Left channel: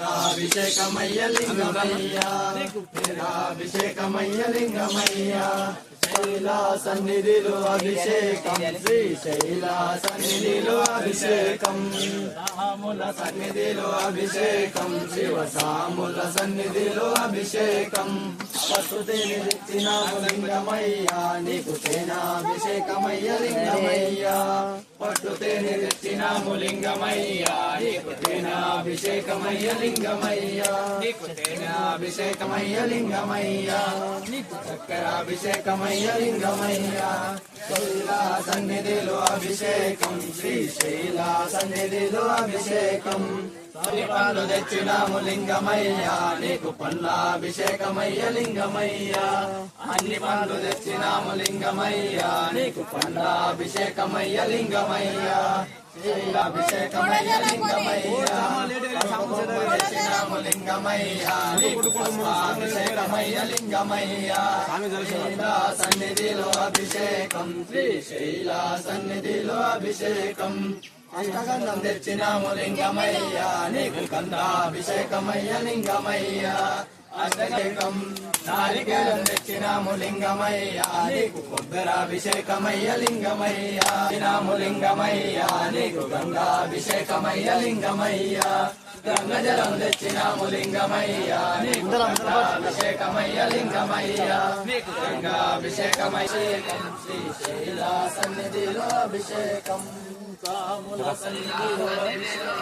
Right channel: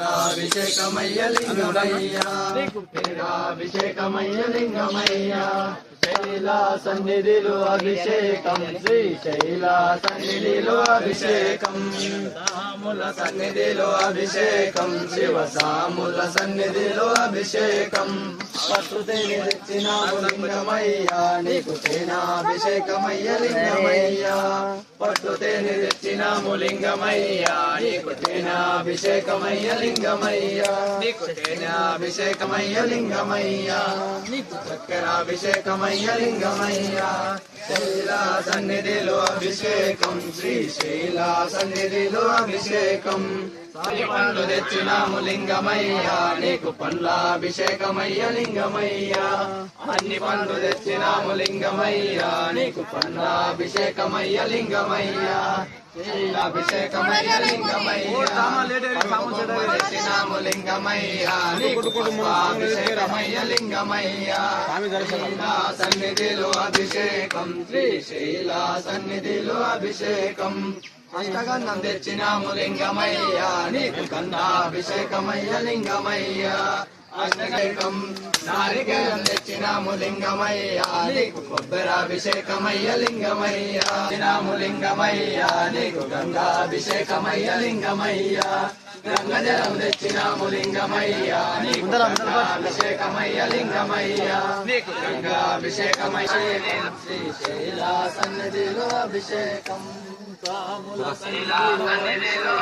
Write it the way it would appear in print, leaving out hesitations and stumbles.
అభిషేకమయ్య లింగమయ్య అభిషేకమయ్య లింగమయ్య శైల సన్నిధిలో అభిషేకం శ్రీశైల సన్నిధిలో అభిషేకం సాముల సన్నిధిలో అభిషేకం శివ సాముల సన్నిధిలో అభిషేకం ప్రకృతిని తెచ్చినాము లింగమయ్య నీకు తేనాభిషేకమయ్య లింగమయ్య ప్రకృతిని తెచ్చినాము లింగమయ్య నీకు తేనాభిషేకమయ్య లింగమయ్య నీకు తేనాభిషేకమయ్య లింగమయ్య నీకు చక్కెరాభిషేకమయ్య లింగమయ్య శైల సన్నిధిలో అభిషేకం శ్రీశైల సన్నిధిలో అభిషేకం పండ్లు తెచ్చినాము లింగమయ్య నీకు పండ్లాభిషేకమయ్య లింగమయ్య అన్ని పండ్లు తెచ్చినాము లింగమయ్య నీకు పండ్లాభిషేకమయ్య లింగమయ్య అభిషేకమయ్య లింగమయ్య తెచ్చినాము లింగమయ్య నీకు అభిషేకమయ్య లింగమయ్య సన్నిధిలో అభిషేకం శ్రీశైల సన్నిధిలో అభిషేకం అష్టగంధం తెచ్చినాము లింగమయ్య నీకు గంధాభిషేకమయ్య లింగమయ్య అష్టగం నారికేళం తెచ్చినాము లింగమయ్య నీకు కొబ్బరాభిషేకమయ్య లింగమయ్య తినాము లింగమయ్య నీకు గంగాభిషేకమయ్య లింగమయ్య గంగజలం తెచ్చినాము లింగమయ్య నీకు అభిషేకమయ్య లింగమయ్య నీకు గంగాభిషేకమయ్య శ్రీశైల సన్నిధిలో అభిషేకం సాముల సన్నిధిలో